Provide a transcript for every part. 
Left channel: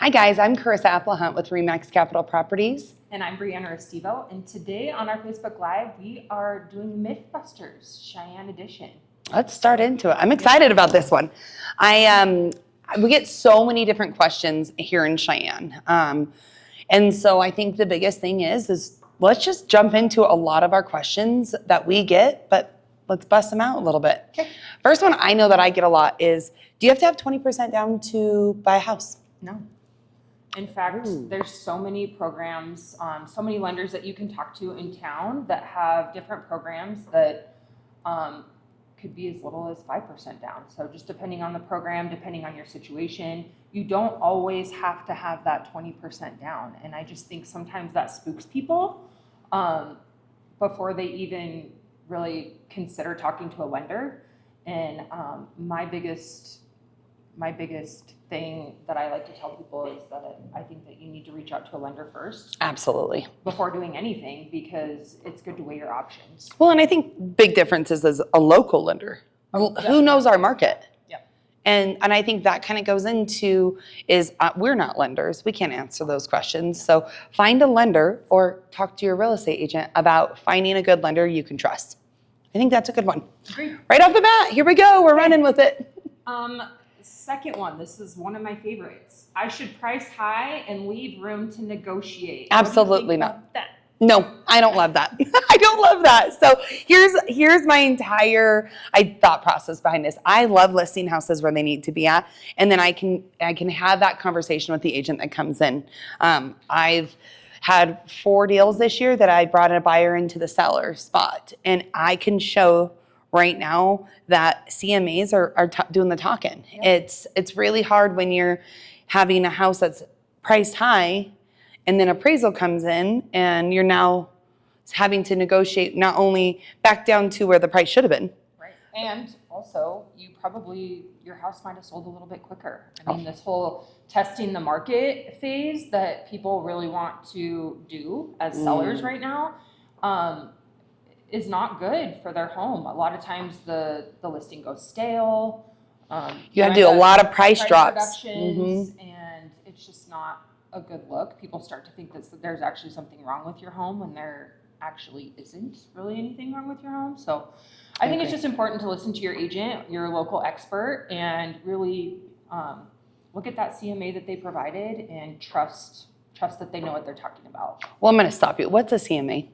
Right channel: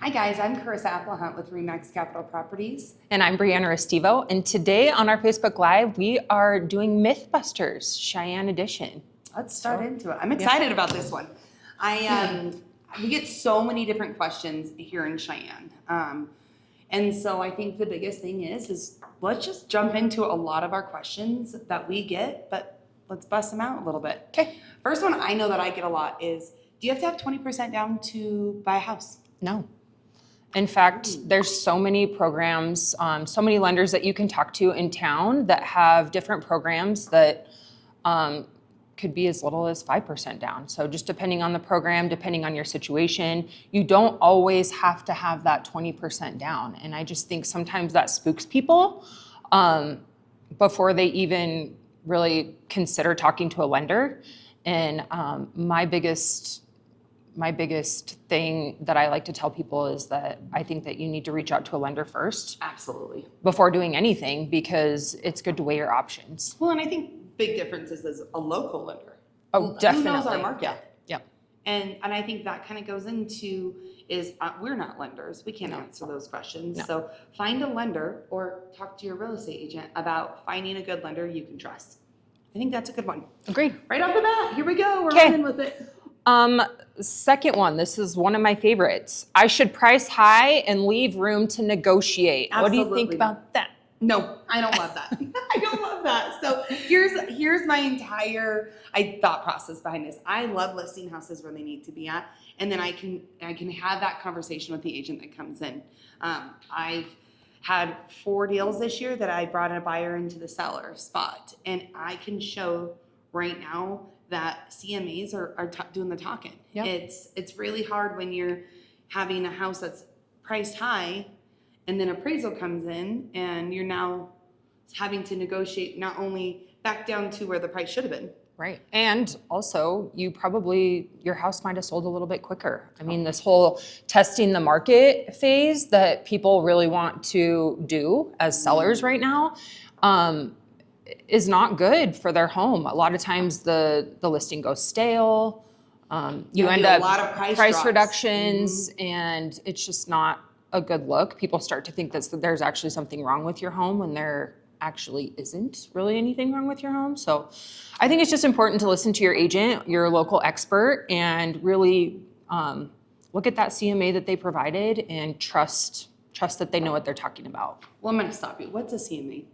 Hi guys, I'm Cherisa Applehunt with REMAX Capitol Properties. And I'm Brianna Restivo. And today on our Facebook Live, we are doing Mythbusters, Cheyenne edition. Let's start into it. I'm excited about this one. We get so many different questions here in Cheyenne. And so I think the biggest thing is let's just jump into a lot of our questions that we get, but let's bust them out a little bit. Okay. First one I know that I get a lot is, do you have to have 20% down to buy a house? No. In fact, there's so many programs, so many lenders that you can talk to in town that have different programs that could be as little as 5% down. So just depending on the program, depending on your situation, you don't always have to have that 20% down. And I just think sometimes that spooks people before they even really consider talking to a lender. And my biggest thing that I like to tell people is that I think that you need to reach out to a lender first. Absolutely. Before doing anything, because it's good to weigh your options. Well, and I think big difference is as a local lender. Oh, who knows our market? Yeah. And I think that kind of goes into is we're not lenders. We can't answer those questions. No. So find a lender or talk to your real estate agent about finding a good lender you can trust. I think that's a good one. Agreed. Right off the bat, here we go. We're Okay. running with it. Second one, this is one of my favorites. I should price high and leave room to negotiate. Absolutely what do you think not. about that? No, I don't love that. I don't love that. So here's my entire thought process behind this. I love listing houses where they need to be at, and then I can have that conversation with the agent that comes in. I've had 4 deals this year that I brought a buyer into the seller spot, and I can show right now that CMAs are doing the talking. Yep. It's really hard when you're having a house that's priced high and then appraisal comes in and you're now having to negotiate not only back down to where the price should have been. Right. And also, your house might have sold a little bit quicker. I mean, this whole testing the market phase that people really want to do as sellers right now, is not good for their home. A lot of times the listing goes stale. You have to do a lot of price drops. Reductions, and it's just not a good look. People start to think that there's actually something wrong with your home when there actually isn't really anything wrong with your home. So I think it's just important to listen to your agent, your local expert, and really look at that CMA that they provided and trust that they know what they're talking about. Well, I'm going to stop you. What's a CMA?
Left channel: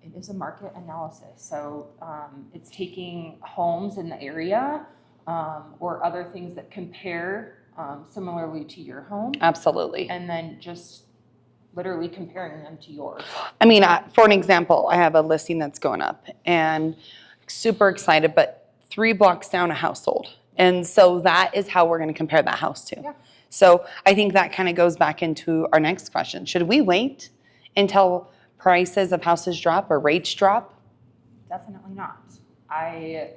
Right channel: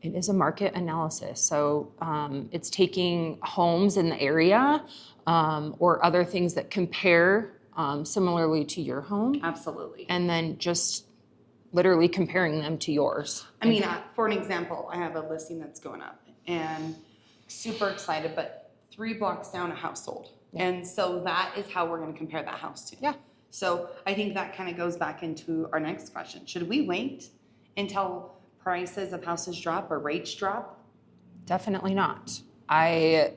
It is a market analysis. So it's taking homes in the area or other things that compare similarly to your home. Absolutely. And then just literally comparing them to yours. I mean, for an example, I have a listing that's going up and super excited, but 3 blocks down a house sold. And so that is how we're going to compare that house to. Yeah. So I think that kind of goes back into our next question. Should we wait until prices of houses drop or rates drop? Definitely not. I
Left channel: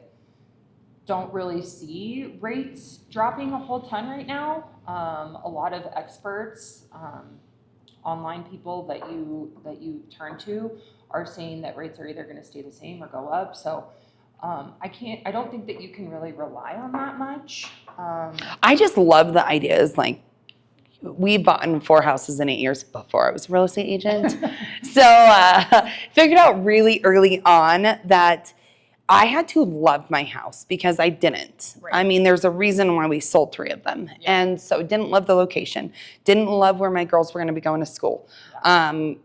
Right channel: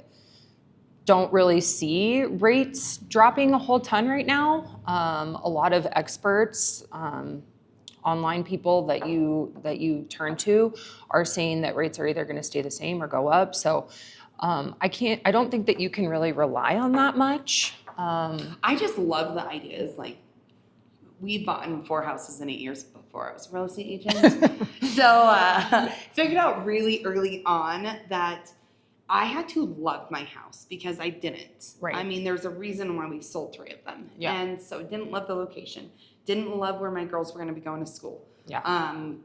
don't really see rates dropping a whole ton right now. A lot of experts, online people that you turn to are saying that rates are either going to stay the same or go up. So I don't think that you can really rely on that much. I just love the ideas. Like, we bought in 4 houses in 8 years before I was a real estate agent. So figured out really early on that I had to love my house because I didn't. Right. I mean, there's a reason why we sold 3 of them. Yeah. And so didn't love the location, didn't love where my girls were going to be going to school. Yeah.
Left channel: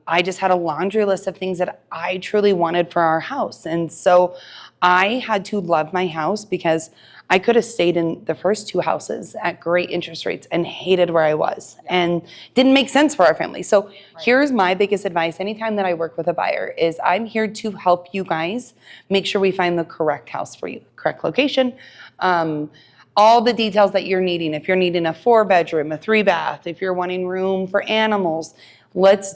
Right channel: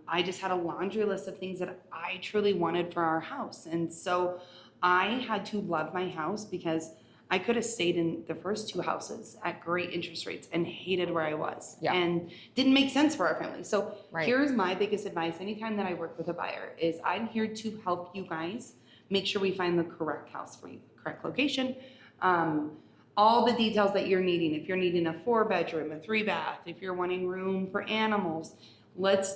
I just had a laundry list of things that I truly wanted for our house. And so I had to love my house because I could have stayed in the first 2 houses at great interest rates and hated where I was and didn't make sense for our family. So here's my biggest advice. Anytime that I work with a buyer is I'm here to help you guys make sure we find the correct house for you, correct location, all the details that you're needing. If you're needing a 4-bedroom, a 3-bath, if you're wanting room for animals, let's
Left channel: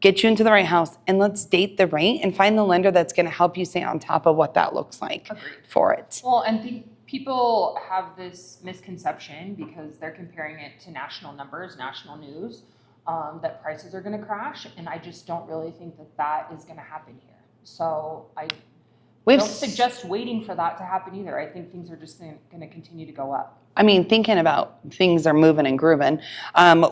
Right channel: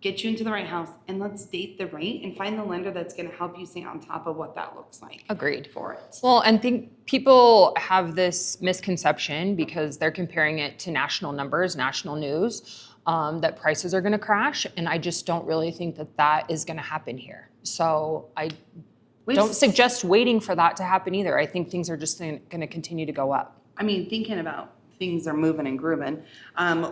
get you into the right house and let's date the rate and find the lender that's going to help you stay on top of what that looks like. Agreed. For it. Well, and think people have this misconception because they're comparing it to national numbers, national news, that prices are going to crash. And I just don't really think that is going to happen here. So I don't suggest waiting for that to happen either. I think things are just going to continue to go up. I mean, thinking about things are moving and grooving,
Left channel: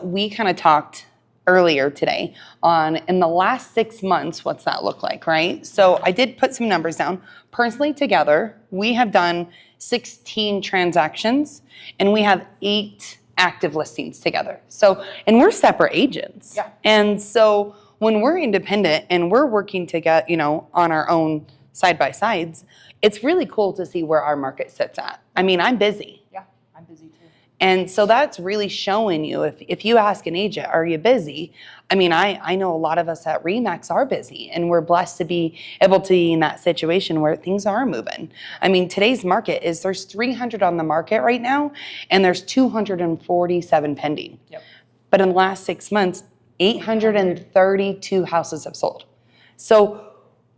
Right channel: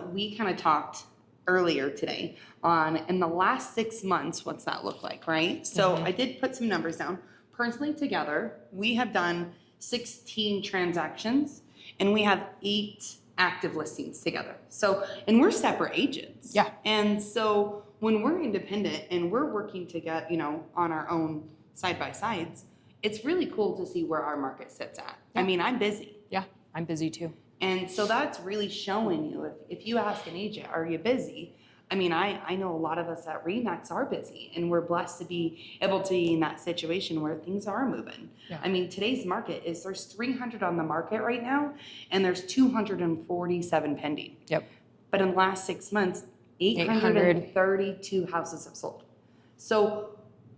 we kind of talked earlier today on in the last 6 months, what's that look like, right? So I did put some numbers down. Personally, together, we have done 16 transactions and we have 8 active listings together. So, and we're separate agents. Yeah. And so when we're independent and we're working to get, on our own side by sides, it's really cool to see where our market sits at. I mean, I'm busy. Yeah, I'm busy too. And so that's really showing you, if you ask an agent, are you busy? I mean, I know a lot of us at REMAX are busy, and we're blessed to be able to be in that situation where things are moving. Yeah. I mean, today's market is there's 300 on the market right now, and there's 247 pending. Yep. But in the last 6 months, 832 houses have sold. So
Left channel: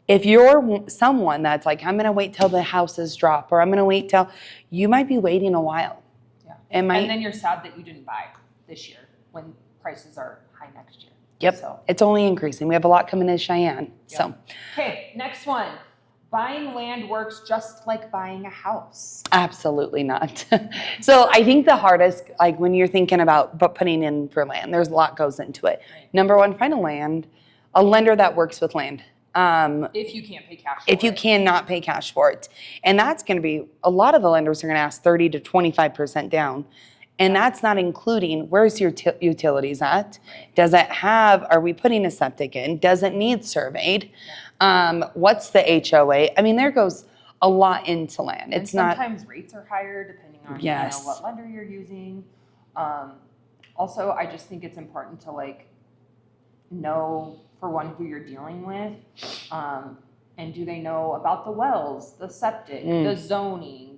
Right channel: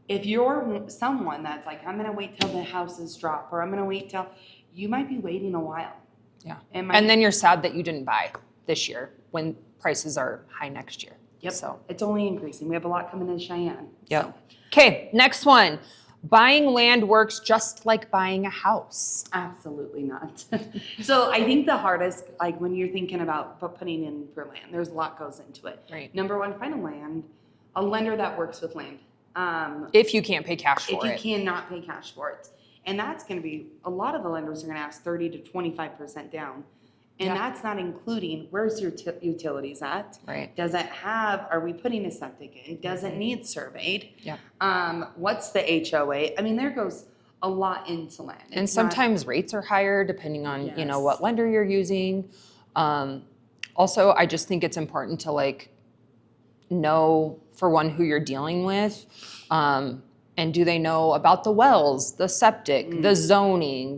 if you're someone that's like, I'm gonna wait till the houses drop, or I'm gonna wait till, you might be waiting a while. Yeah. And then you're sad that you didn't buy this year when prices are high next year. Yep. So it's only increasing. We have a lot coming to Cheyenne. Yep. So. Okay, next one. Buying land works just like buying a house. Absolutely not. So I think the hardest, like when you're thinking about putting in for land, there's a lot goes into it. Right. Number one, find a lender that works with land. If you can't pay cash for it. If you cannot pay cash for it. And that's going to be, a lot of the lenders are going to ask 30 to 25% down. And that's not including, where's your utilities at? Right. Does it have, are we putting a septic in? Does it need surveyed? Yeah. What's the HOA? I mean, there goes a lot into land. And sometimes rates are higher depending on, what lender you're using. Also, I just think it's important to know, for one, who you're dealing with, and do they know about the wells, the septic, the zoning,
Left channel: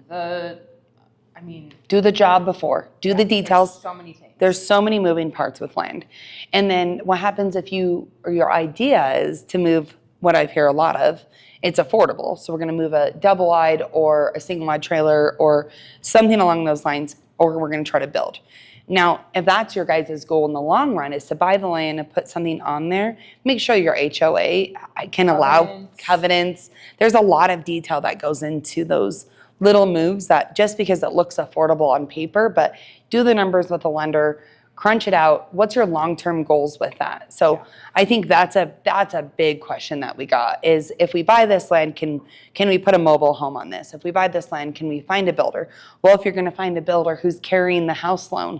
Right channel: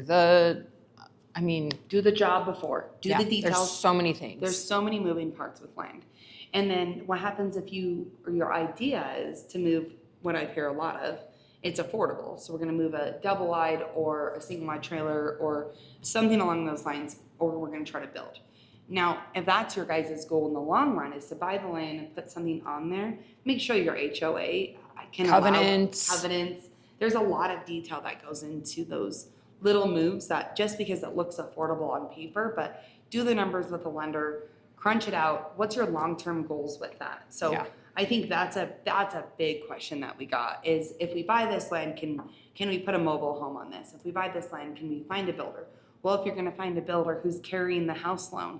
do the job before, do the details. There's so many things. There's so many moving parts with land. And then what happens if your idea is to move, what I hear a lot of, it's affordable. So we're gonna move a double wide or a single wide trailer or something along those lines, or we're gonna try to build. Now, if that's your guys' goal in the long run is to buy the land and put something on there, make sure your HOA can allow covenants. There's a lot of detail that goes into those little moves that just because it looks affordable on paper, but do the numbers with the lender, crunch it out. What's your long-term goals with that? So I think that's a big question that we got is, if we buy this land, can we put a mobile home on this? If we buy this land, can we find a builder? Well, if you're gonna find a builder who's carrying the house loan,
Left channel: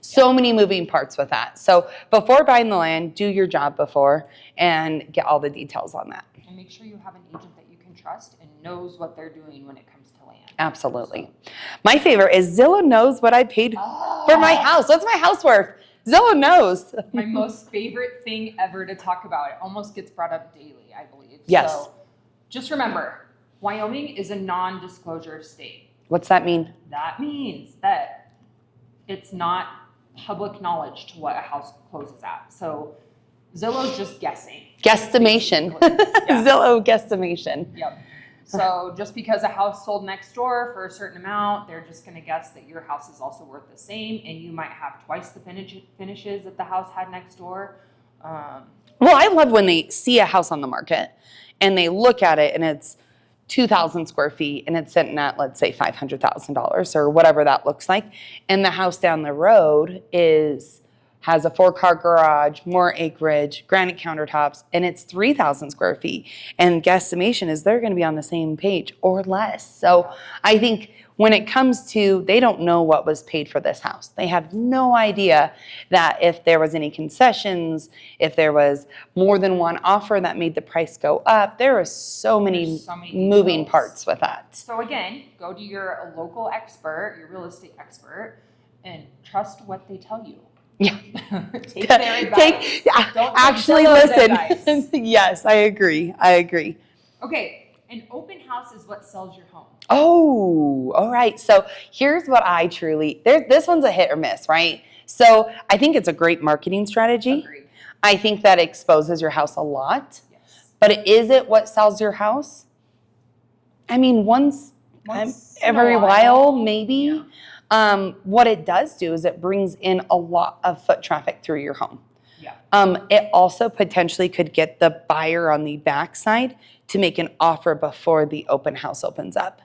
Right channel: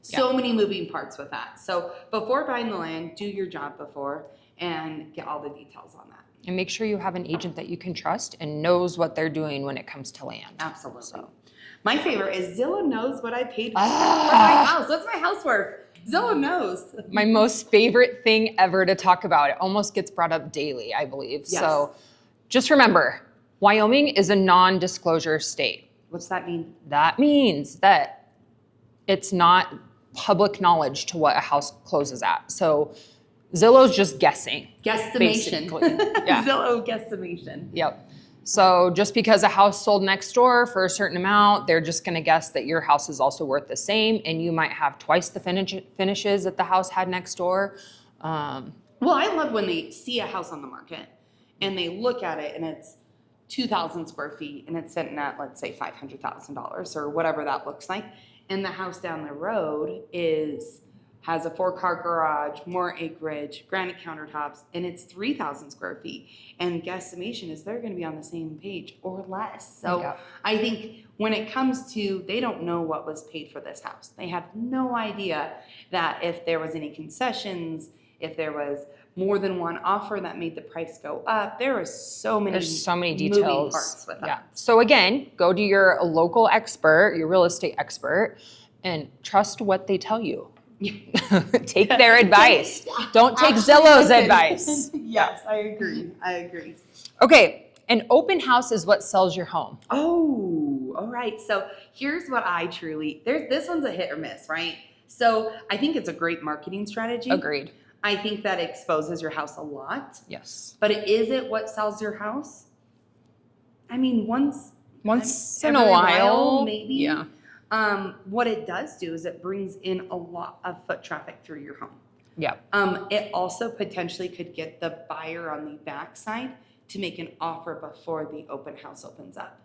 so many moving parts with that. So before buying the land, do your job before and get all the details on that. And make sure you have an agent that you can trust and knows what they're doing when it comes to land. Absolutely. So. My favorite is Zillow knows what I paid for my house. What's my house worth? Zillow knows. My most favorite thing ever to talk about. It almost gets brought up daily, I believe. Yes. So just remember, Wyoming is a non-disclosure state. What's that mean? That means that it's not public knowledge to what a house closes at. So Zillow's just guessing. Guesstimation. Zillow guesstimation. Yep. So just because a house sold next door for a certain amount, they're just going to guess that your house is also worth the same, and you might have twice the finishes that the house had next door. Well, I love when they see a house on the market and they look at it and it's 2,000 square feet and it's sitting at, let's say, $500,000 or whatever that looks like, and the house down the road has a 4-car garage, more acreage, granite countertops, and it's 3,000 square feet. And guesstimation is they're gonna be on the same page or less. So I think when it comes to, they don't know what was paid for this house. They have no idea that if there was any concessions, if there was more than one offer that made the price go up, there was so many details. Moving parts with that. So again, go to your local expert, your real estate expert, and trust what they tell you. Yeah. Take their advice. Don't take Zillow's advice. Yes, I agree. Okay, an open house is what sells your home. Oh, all right. So here's what this one's a hit or miss, right? So I think it's a great marketing strategy. Agreed. I think that exposes your house a lot. Yes. But is it what sells your house? I mean, once every while, maybe. Yeah. What it does do is it brings in a lot of foot traffic through your home. Yeah. It also potentially could get the buyer on the backside to make an offer before the open house opens up.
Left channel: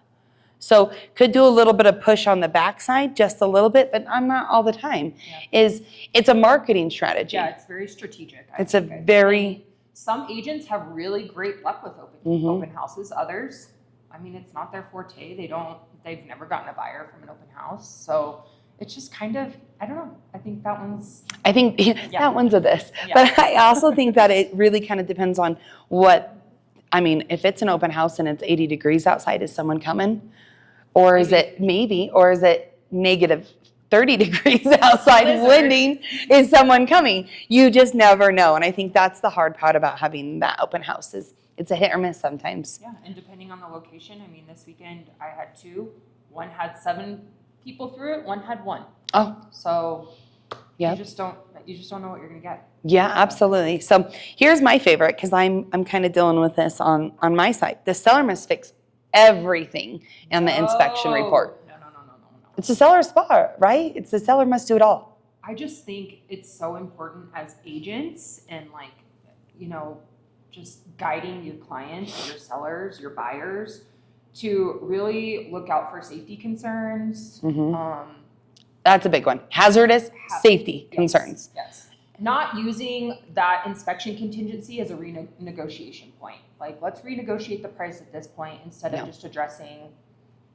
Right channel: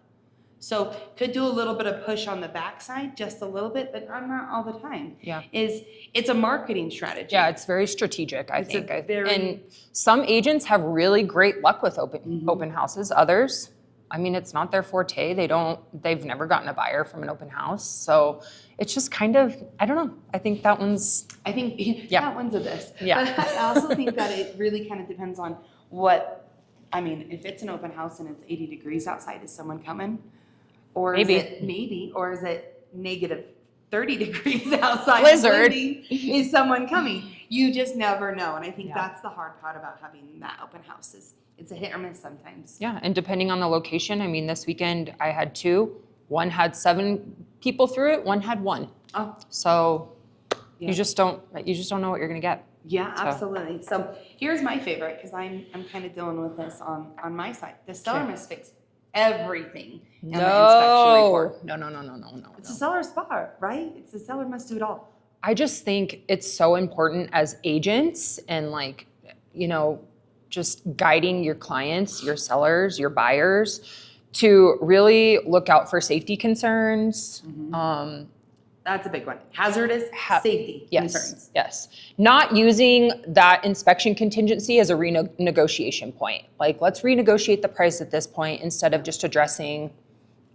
So could do a little bit of push on the backside, just a little bit, but I'm not all the time. Yeah. It's a marketing strategy. Yeah, it's very strategic, I It's think. a very- And some agents have really great luck with open houses. Others, I mean, it's not their forte. They've never gotten a buyer from an open house. So it's just kind of, I don't know. I think that one's that one's a this. Yeah. But I also think that it really kind of depends on if it's an open house and it's 80 degrees outside, is someone coming? Or is it negative 30 degrees outside living? Is someone coming? You just never know. And I think that's the hard part about having that open house is it's a hit or miss sometimes. Yeah, and depending on the location, I mean, this weekend I had 2. One had 7 people through it, one had 1. Oh, So yeah. you just don't know what you're gonna get. Yeah, absolutely. So here's my favorite, because I'm kind of dealing with this on my side. The seller must fix everything in the inspection report. No. It's the seller's spot, right? It's the seller must do it all. I just think it's so important as agents and just guiding your clients, your sellers, your buyers to really look out for safety concerns. That's a big one. Hazardous safety concerns. Yes. Not using that inspection contingency as a renegotiation point. Like, let's renegotiate the price at this point instead of just addressing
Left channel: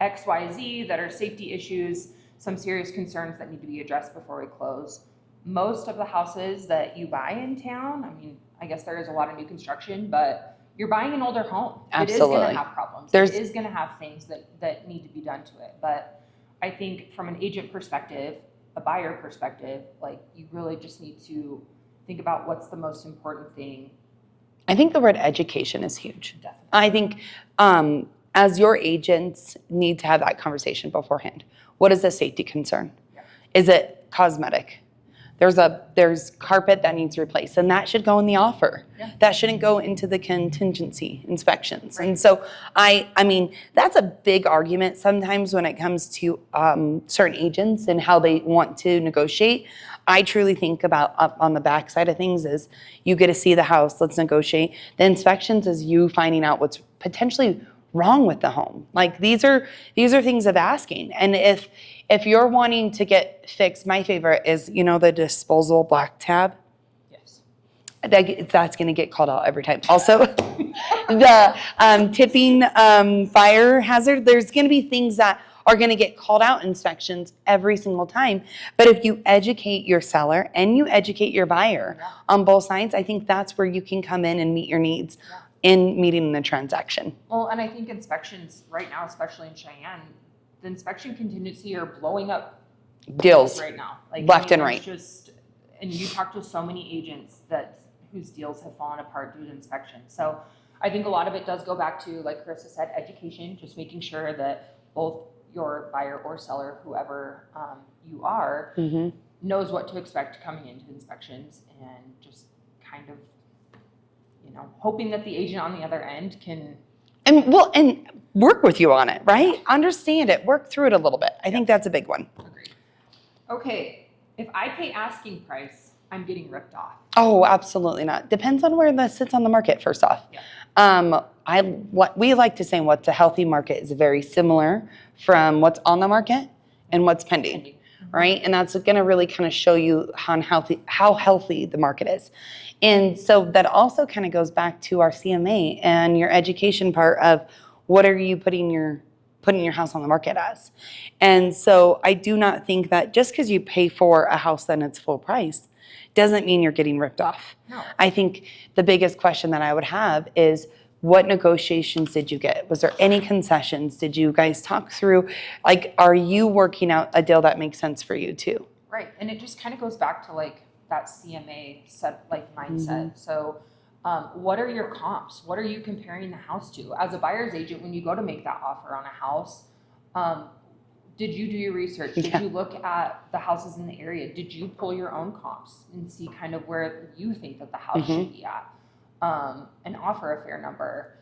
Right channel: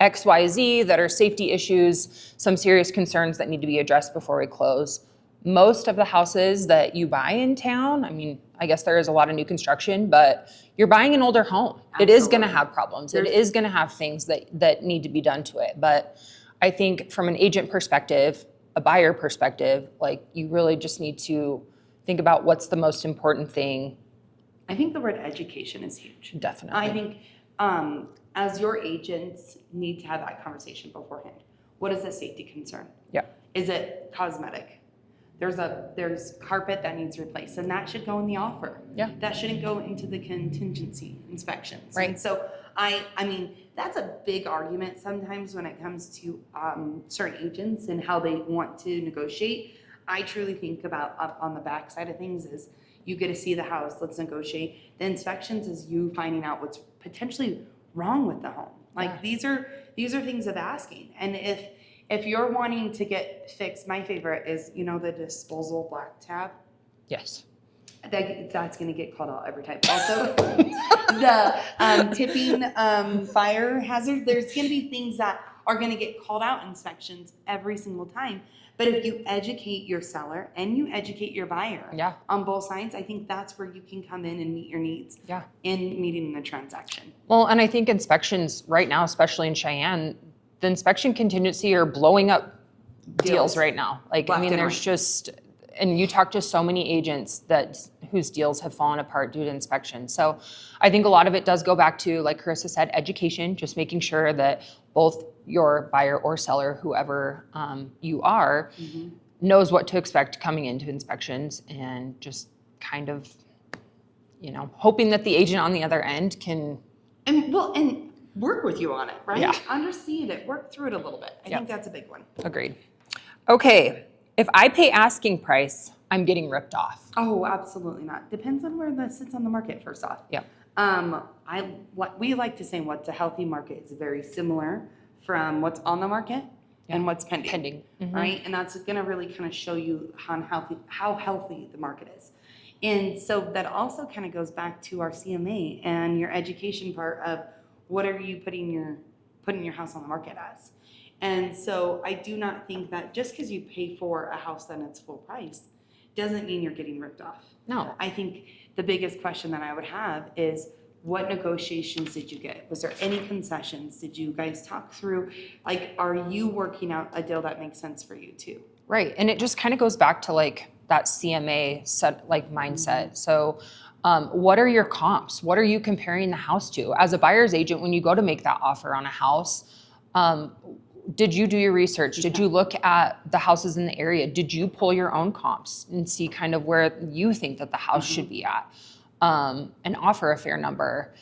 X, Y, Z that are safety issues, some serious concerns that need to be addressed before we close. Most of the houses that you buy in town, I mean, I guess there is a lot of new construction, but you're buying an older home. Absolutely. It is going to have problems. It is going to have things that need to be done to it. But I think from an agent perspective, a buyer perspective, like, you really just need to think about what's the most important thing. I think the word education is huge. Definitely. I think as your agents need to have that conversation beforehand. What is the safety concern? Yeah. Is it cosmetic? There's carpet that needs replaced, and that should go in the offer. Yeah. That shouldn't go into the contingency inspections. Right. And so I mean, that's a big argument sometimes when it comes to certain agents and how they want to negotiate. I truly think about up on the back side of things is you get to see the house, let's negotiate. The inspections is you finding out what's potentially wrong with the home. Like, these are things of asking. And if you're wanting to get fixed, my favorite is, the disposal black tab. Yes. That's going to get called out every time. Also, the tipping fire hazard, there's going to be things that are going to get called out in inspections every single time. But if you educate your seller and you educate your buyer on both sides, I think that's where you can come in and meet your needs in meeting the transaction. Well, and I think inspections right now, especially in Cheyenne, the inspection contingency are blowing up deals right now. Like, left and there's right. just, and you talk to so many agents whose deals have fallen apart due to inspection. So I think a lot of it does go back to, like Cherisa said, education, just making sure that both your buyer or seller, whoever you are, knows what to expect coming into inspections, and just kind of, hoping that the agent on the other end can and work with you on it, right? Yeah. Understand it, work through it a little bit. I think that's a big one. Agreed. Okay, if I pay asking price, I'm getting ripped off. Oh, absolutely not. Depends on where this sits on the market, first off. Yeah. What we like to say, what's a healthy market is very similar from what's on the market and what's pending. Right? And that's going to really kind of show you how healthy the market is. And so that also kind of goes back to our CMA and your education part of what are you putting your house on the market as. And so I do not think that just because you pay for a house then it's full price doesn't mean you're getting ripped off. No. I think the biggest question that I would have is, what negotiations did you get? Was there any concessions? Did you guys talk through, like, are you working out a deal that makes sense for you too? Right, and it just kind of goes back to like that CMA mindset. So what are your comps? What are you comparing the house to? As a buyer's agent, when you go to make that offer on a house, did you do your research? Did you look at the houses in the area? Did you pull your own comps and see kind of where you think that the house should be at, and offer a fair number?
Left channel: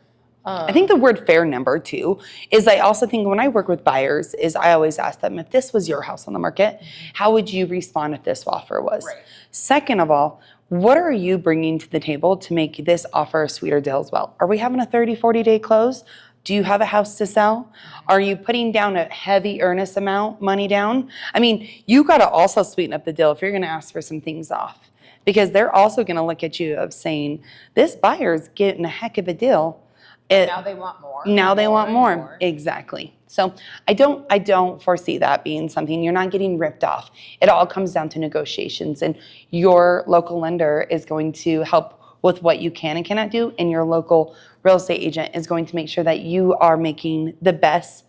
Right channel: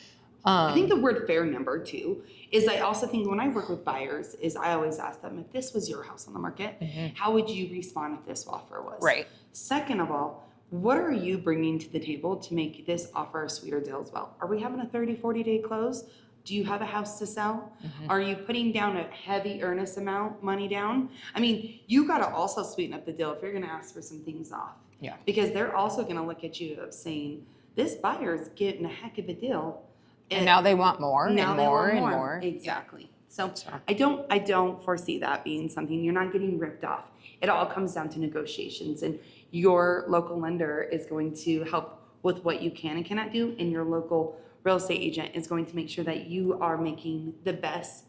I think the word fair number too is, I also think when I work with buyers is I always ask them, if this was your house on the market, how would you respond if this offer was? Right. Second of all, what are you bringing to the table to make this offer a sweeter deal as well? Are we having a 30, 40-day close? Do you have a house to sell? Are you putting down a heavy earnest money down? I mean, you got to also sweeten up the deal if you're going to ask for some things off. Yeah. Because they're also going to look at you of saying, this buyer's getting a heck of a deal. Now they want more. Now they want and more. Exactly. So I don't foresee that being something. You're not getting ripped off. It all comes down to negotiations, and your local lender is going to help with what you can and cannot do, and your local real estate agent is going to make sure that you are making the best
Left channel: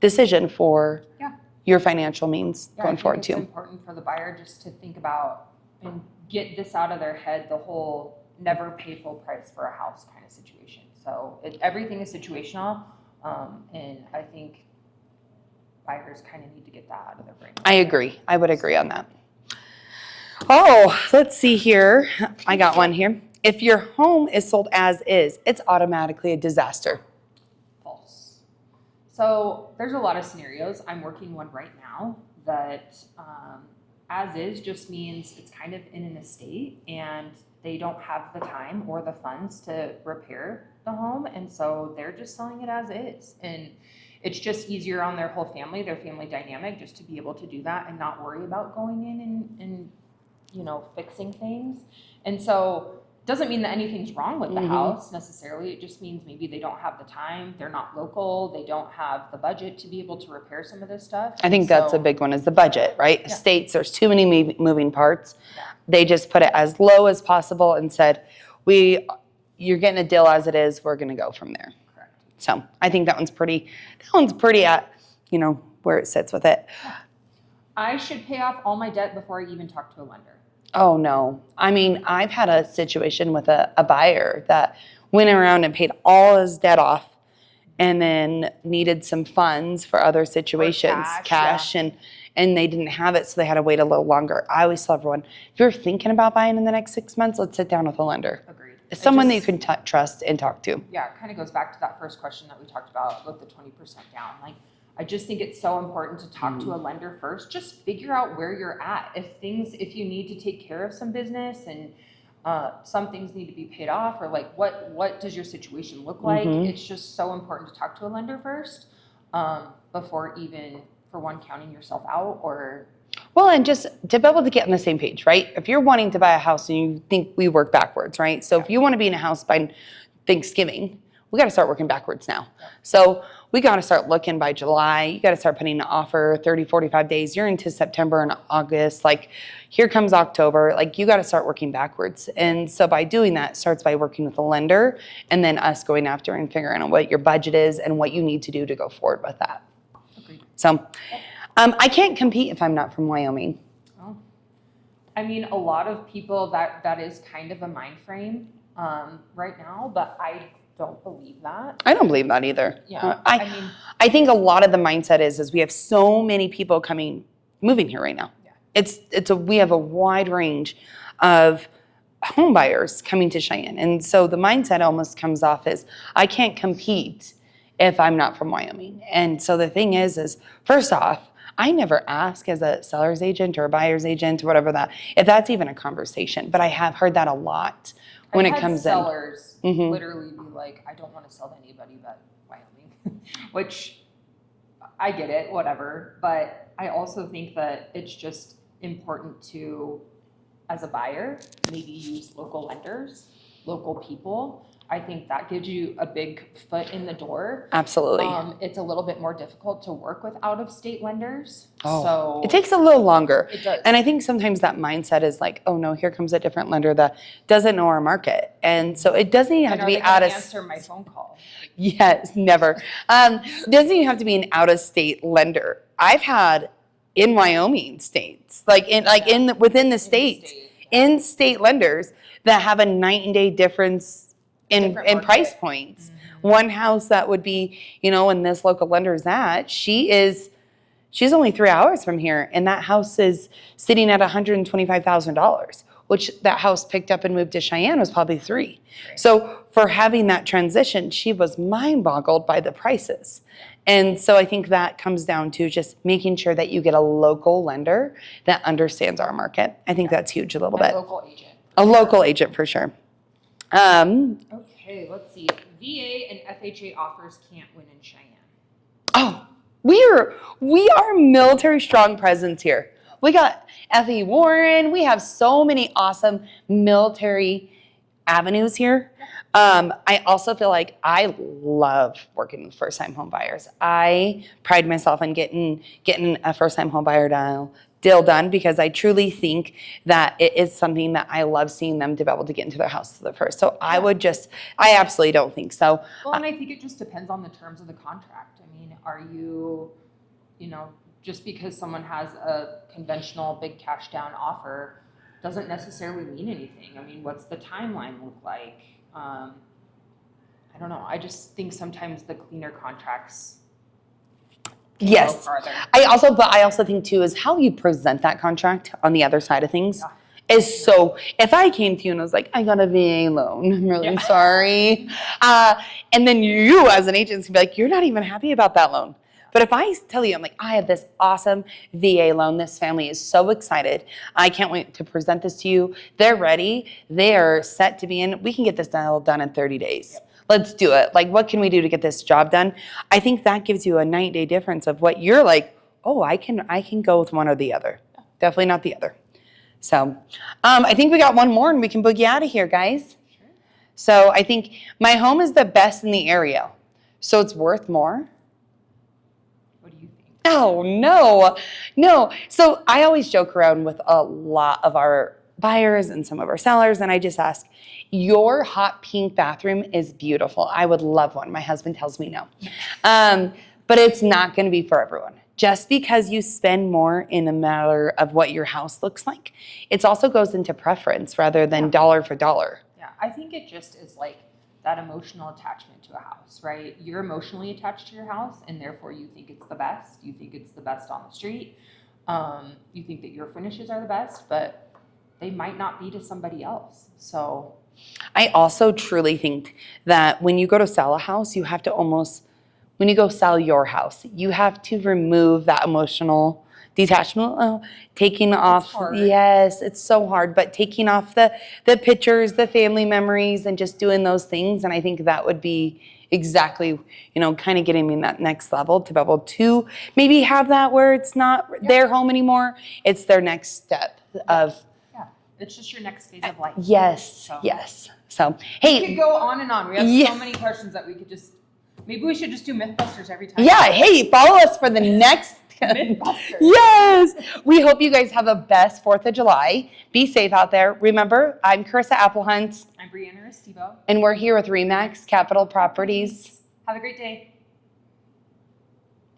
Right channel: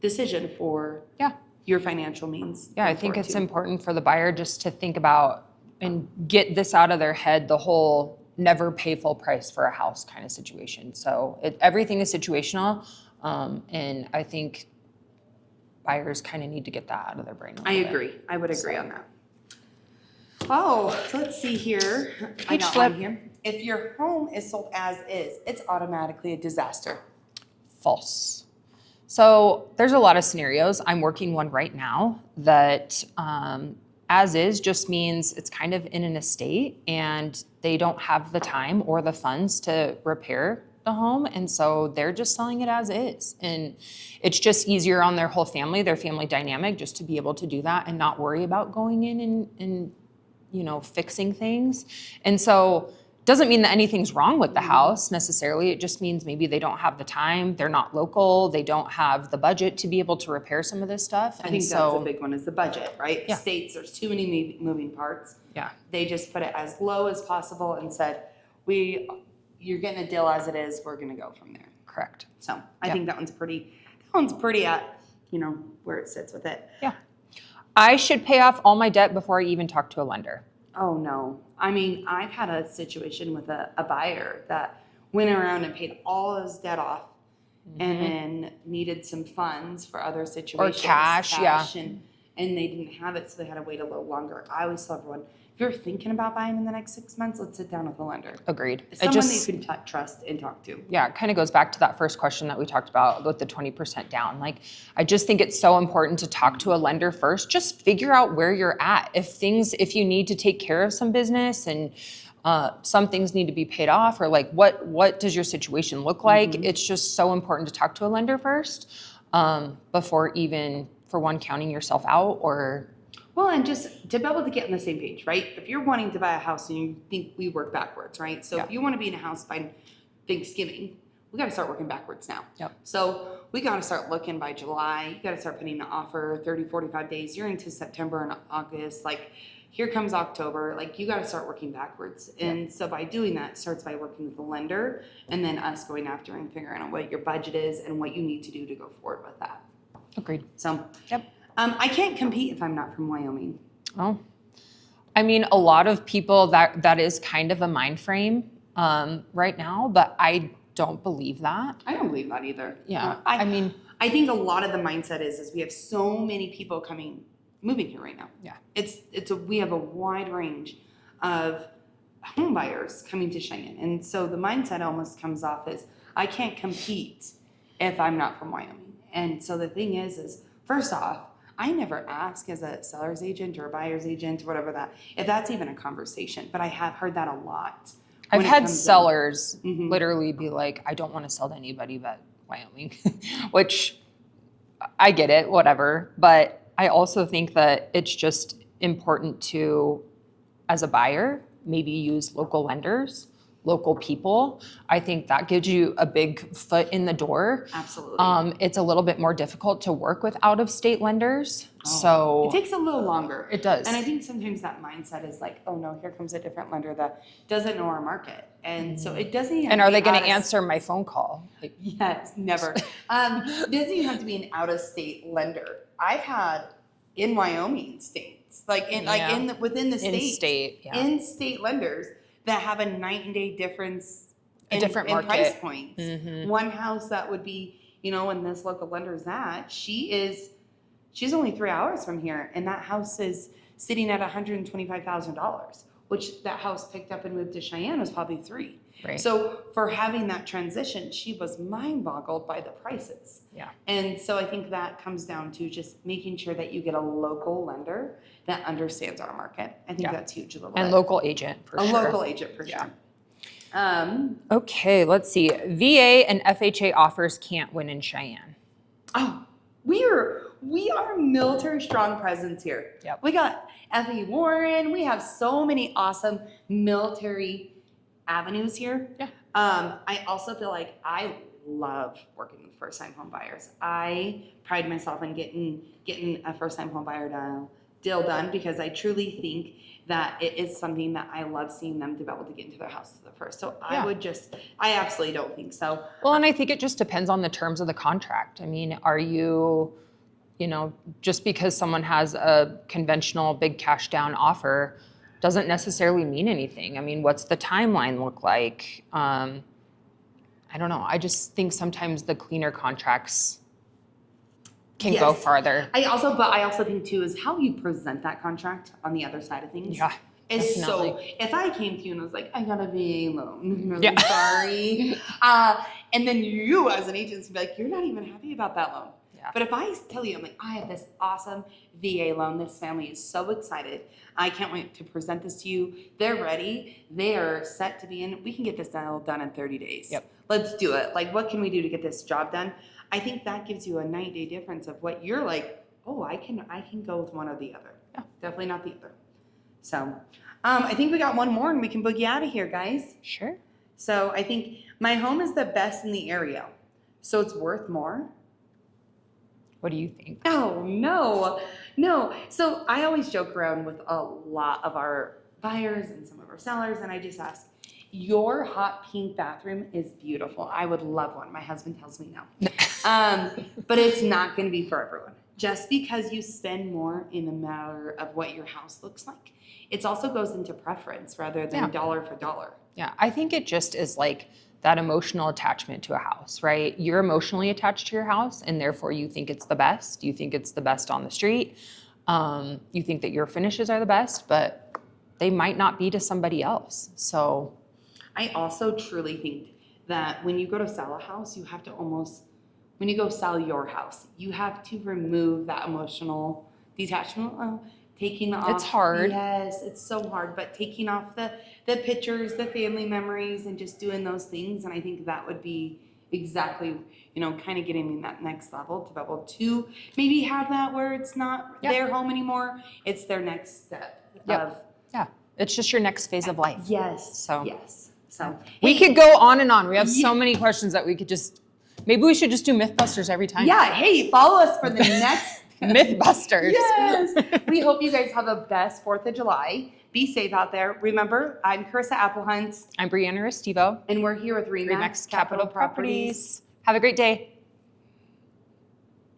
decision for your financial means. Yeah, I think it's important for the buyer just to think about and get this out of their head, the whole never pay full price for a house kind of situation. So everything is situational, and I think buyers kind of need to get that out of their brain. I agree. I would agree on that. Oh, let's see here. I got one here. If your home is sold as is, it's automatically a disaster. False. So there's a lot of scenarios. I'm working one right now that as is just means it's kind of in an estate and they don't have the time or the funds to repair the home, and so they're just selling it as is. And it's just easier on their whole family, their family dynamic, just to be able to do that and not worry about going in and fixing things. And so doesn't mean that anything's wrong with the house necessarily. It just means maybe they don't have the time, they're not local, they don't have the budget to be able to repair some of this stuff. I think that's a big one, is the budget, right? Yeah. Estates, there's too many moving parts. Yeah. They just put it as low as possible and said, you're getting a deal as it is, we're gonna go from there. Correct. So I think that one's pretty at, where it sits with it. Yeah. I should pay off all my debt before I even talk to a lender. Oh, no. I mean, I've had a situation with a buyer that went around and paid all his debt off and then needed some funds for other situations. Cash, and they didn't have it, so they had to wait a little longer. I always tell everyone, if you're thinking about buying in the next 6 months, let's sit down with a lender. Agreed. It's someone that you can trust and talk to. Yeah, it kind of goes back to that first question that we talked about with the 20% down. Like, I just think it's so important to talk to a lender first. Just figure out where you're at. If you need to take care of some business and some things need to be paid off, or like what does your situation look like? It's just so important to talk to a lender first before even, for one, counting yourself out or... Well, and just to be able to get on the same page, right? If you're wanting to buy a house and you think we work backwards, right? So if you want to be in a house by Thanksgiving, we got to start working backwards now. Yep. So we got to start looking by July. You got to start putting an offer 30, 45 days. You're into September and August. Like, here comes October. Like, you got to start working backwards. And so by doing that, it starts by working with a lender and then us going after and figuring out what your budget is and what you need to do to go forward with that. Agreed. So I can't compete if I'm not from Wyoming. Oh, I mean, a lot of people that is kind of a mind frame right now, but I don't believe that. I don't believe that either. Yeah. I think a lot of the mindset is we have so many people moving here right now. Yeah. We have a wide range of home buyers coming to Cheyenne. And so the mindset almost comes off as, I can't compete if I'm not from Wyoming. And so the thing is first off, I never ask as a seller's agent or a buyer's agent or whatever if that's even a conversation, but I have heard that a lot. I've had sellers literally be like, I don't want to sell to anybody but Wyoming, which I get it, whatever. But I also think that it's just important to, as a buyer, maybe use local lenders, local people. I think that gives you a big foot in the door. Absolutely. It's a little bit more difficult to work with out-of-state lenders. So it takes a little longer. It does. And I think sometimes that mindset is like, oh no, here comes a different lender that doesn't know our market. And so it doesn't even have to be And are they going to answer my phone call? Yes, never. It doesn't even have to be an out-of-state lender. I've had in Wyoming states, within the state, in-state lenders that have a night and day difference in price points. One house that would be, and this local lender is at, she's only 3 hours from here, and that house is sitting at $125,000, which that house picked up and moved to Cheyenne was probably $3 million. Right. So for having that transition, she was mind boggled by the prices. Yeah. And so I think that comes down to just making sure that you get a local lender that understands our market. I think that's huge a little bit. A local agent. Local agent for sure. Okay, let's see. VA and FHA offers can't win in Cheyenne. Oh, we are military strong presence here. Yep. We got F.E. Warren. We have so many awesome military avenues here. Yeah. I also feel like I love working with first-time home buyers. I pride myself on getting a first-time home buyer deal done because I truly think that it is something that I love seeing them to be able to get into their house to the first. So I absolutely don't think so. Well, and I think it just depends on the terms of the contract. I mean, are you, just because someone has a conventional big cash down offer doesn't necessarily mean anything. I mean, what's the timeline look like? I don't know. I just think sometimes the cleaner contracts can go farther. I also think too is how you present that contract on the other side of things. Yeah. Is so, if I came to you and was like, I got a VA loan, I'm really sorry. And then you as an agent would be like, you're not even happy about that loan. Yeah. But if I tell you, I'm like, I have this awesome VA loan. This family is so excited. I can't wait to present this to you. They're ready. They are set to be in. We can get this deal done in 30 days. Yep. Let's do it. Like, what can we do to get this job done? I think that gives you a 9-day difference of what you're like, oh, I can go with one or the other. Yeah. Definitely not the other. So I think we got one more and we can boogie out of here, guys. Sure. So I think my home is the best in the area. So it's worth more. What do you think? Oh, no. So I always joke around with a lot of our buyers and some of our sellers, and I just ask, your hot pink bathroom is beautiful. I would love one. My husband tells me no. But it's not going to be for everyone. Just because you spend more in a matter of what your house looks like, it also goes into preference rather than dollar for dollar. Yeah, I think it just is like that emotional attachment to a house, right? You're emotionally attached to your house, and therefore you think it's the best. You think it's the best on the street. You think that your finishes are the best, but they might not be to somebody else. So I also truly think that when you go to sell a house, you have to when you go sell your house, you have to remove that emotional detachment, taking off. It's hard. Yes, it's so hard, but taking off the pictures, the family memories, and just doing those things. And I think that would be exactly, kind of getting me in that next level to be able to maybe have that where it's not their home anymore. It's their next step of. Yeah, it's just your next phase of life. Yes, yes. So, hey. We could go on and on. We have so many questions that we could maybe we should just do Mythbusters every time. Yeah, hey, follow us for the next Mythbusters. Yes. We hope you guys have the best 4th of July. Be safe out there. Remember, I'm Cherisa Applehunt. I'm Brianna Restivo. And we're here with REMAX Capitol Properties. Have a great day.